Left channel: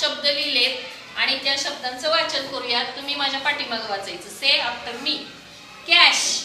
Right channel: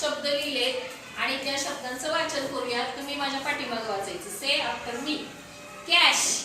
शब्द लिहिलेत आणि त्या शब्दांचं वाचन करूयात. तुम्ही माझ्या पाठीमागे वाचायचं. से आफ्टर मी. कॅश.